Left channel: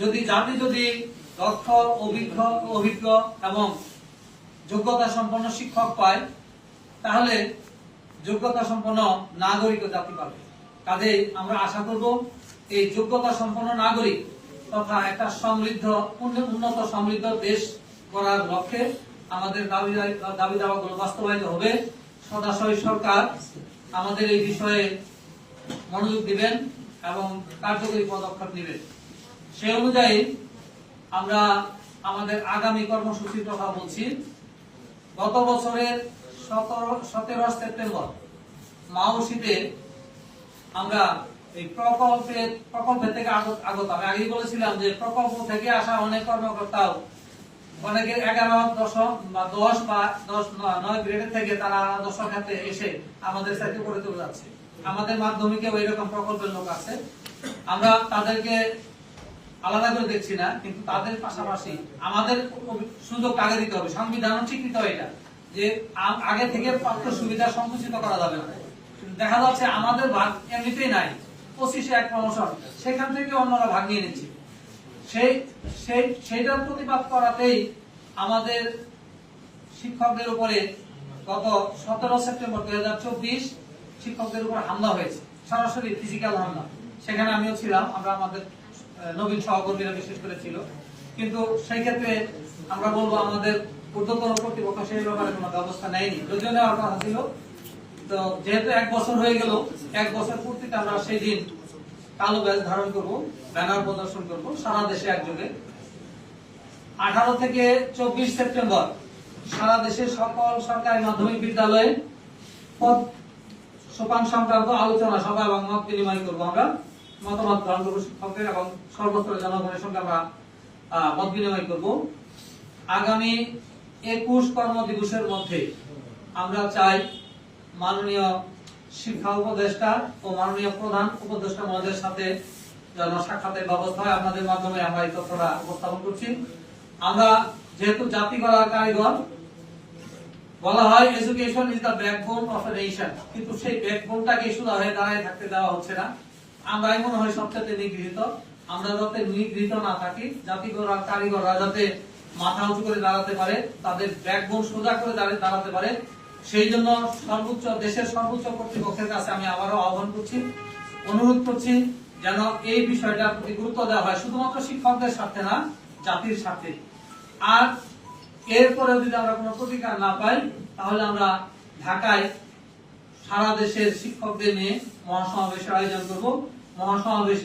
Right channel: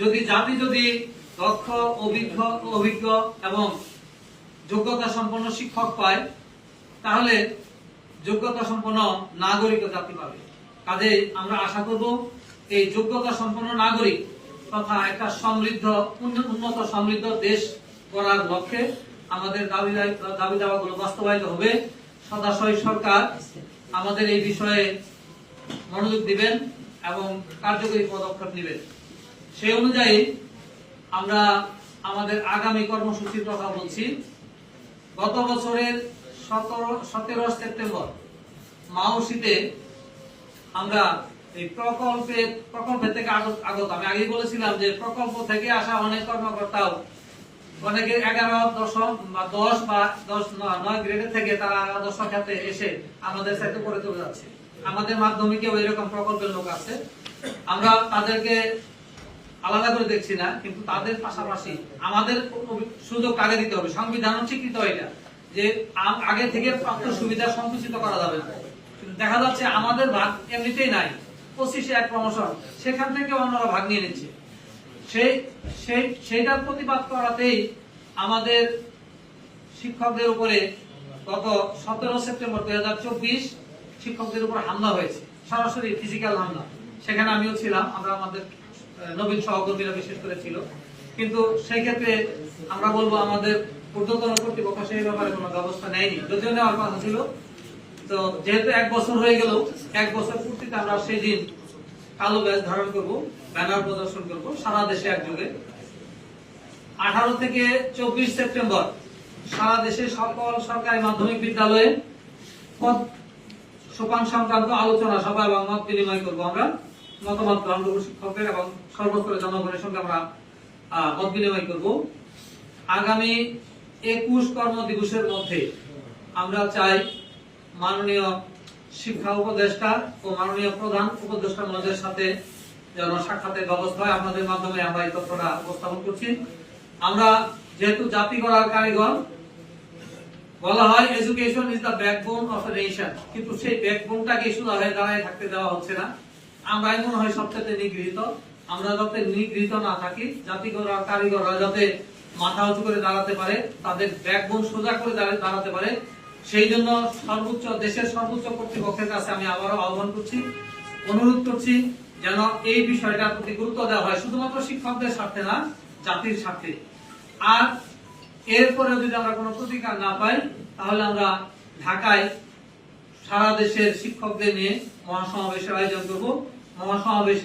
যদি দক্ষ অভিজ্ঞ এবং যোগ্যতা সম্পন্ন শিক্ষক পায়, তাহলে যোগ্যতা সম্পন্ন নাগরিক জাতি পাবে। কাজেই আমরা আশা করব এই যোগ্যতা সম্পন্ন নাগরিক তথা একটা উন্নত সমৃদ্ধ দেশ গড়ার লক্ষ্যে আমাদের দাবি দাওয়াগুলো বাস্তবায়িত হবে। সদাশয় সরকার আমাদের এই বিষয়ে মনোযোগ দিবেন এবং কার্যকরী পদক্ষেপ নেবেন। সেই অনুযায়ী আমরা আমাদের আগামী কর্মসূচির কথা বলছি। গত বছরের 17 সেপ্টেম্বর মাওসিতে আমরা এই প্রকল্পের থেকে আগত আমি আগেই বলেছিলাম যে প্রকল্প থেকে আসা অনেক কর্মকর্তাও অনেকে 11, 10 বা 9 গ্রেডের থেকে তারা আদর্শ খাতে এসে আমাদের সাথে করে চলে যাচ্ছে। আমাদের মাধ্যমিকে এরকম প্রকল্পের লোক আছে, আমরা তাদেরকে আলাদা করে দেখছি না, কিন্তু তাদের পাশাপাশি আমাদের সুযোগ আগে দিতে হবে। সংবিধান স্বীকৃত এটা যে আগে থেকে প্রাপ্ত সুবিধা সংকুচিত করা যাবে না। দেখা যাচ্ছে আমাদের ভাগ এমনিতেই নাই, 25-এ এক প্রমোশন, সেখান থেকে অন্যরা ভাগ নিয়ে নিচ্ছে। সেইটার প্রতিবাদ করাতেই আমাদের শিক্ষকদের উপরে গত 17 সেপ্টেম্বর 2024 শিক্ষকদের উপর হামলা হয়েছে, সরাসরি ফিজিক্যাল হামলা। সেখানে আমিও ছিলাম, আমরা আমাদের নবীন সহকর্মীরা বিশেষ করে ছিল। কিন্তু সেই ক্ষেত্রে আমরা বলবো আমাদের ঊর্ধ্বতন কর্তৃপক্ষ সেই ব্যাপারে কোনো ব্যবস্থা নেয়নি, যদিও নেওয়ার কথা ছিল। তো যেহেতু 1 বছর হয়ে গেল, 1 বছর পূর্তিতে আমরা সেই দিন কালো ব্যাজ ধারণ করব, ব্যানার প্রদর্শন করব সারা দেশে একযোগে। 18 থেকে 24 সেপ্টেম্বর সারা দেশে সকল সরকারি মাধ্যমিক বিদ্যালয়ে পদ সোপান সংক্রান্ত আলোচনা সভা এবং মত বিনিময় করবো। আমরা মতামত গ্রহণ করবো শিক্ষকদের এবং সর্বস্তরের জনগণের সঙ্গে আমরা মত বিনিময় করব। আগামী 21 কর্মদিবসের মধ্যে আমরা চাই মাননীয় শিক্ষা উপদেষ্টা ও মাননীয় প্রধান উপদেষ্টা মহোদয়ের সাথে যেন সাক্ষাতের ব্যবস্থা হয়। আপনাদের মাধ্যমে আমরা এই তথ্যটা উপস্থাপন করছি। আমরা যেহেতু জাতি গড়ার কারিগর, বলা হয় education is the backbone of a nation, কিন্তু সেই ব্যাকবোনটাকে শুধু দাঁড়ায় থাকতে দেওয়া হচ্ছে না। আমরা মনে হয় সবচেয়ে নিগৃহীত। আমরা যাতে নিগৃহীত না থাকি, জাতি গড়ার কারিগররা যাতে মাথা উঁচু করে দাঁড়াতে পারে, তাদের ব্যাকবোন সোজা করে দাঁড়াতে পারে, সেই জন্য দেশের সর্বোচ্চ কর্তৃপক্ষের কাছে আমি আবারও আহ্বান করছি, অনুরোধ করছি যেন এই বিষয়টার প্রতি গুরুত্ব দেওয়া হয়, শুধুমাত্র শিক্ষকদের স্বার্থে না, জাতির স্বার্থে। আর এরপরেও যদি আমরা কোনো প্রতিকার না পাই, তাহলে আমরা ঢাকায় সারা দেশের শিক্ষকদের নিয়ে মহাসমাবেশের আয়োজন করব। মহাসমাবেশে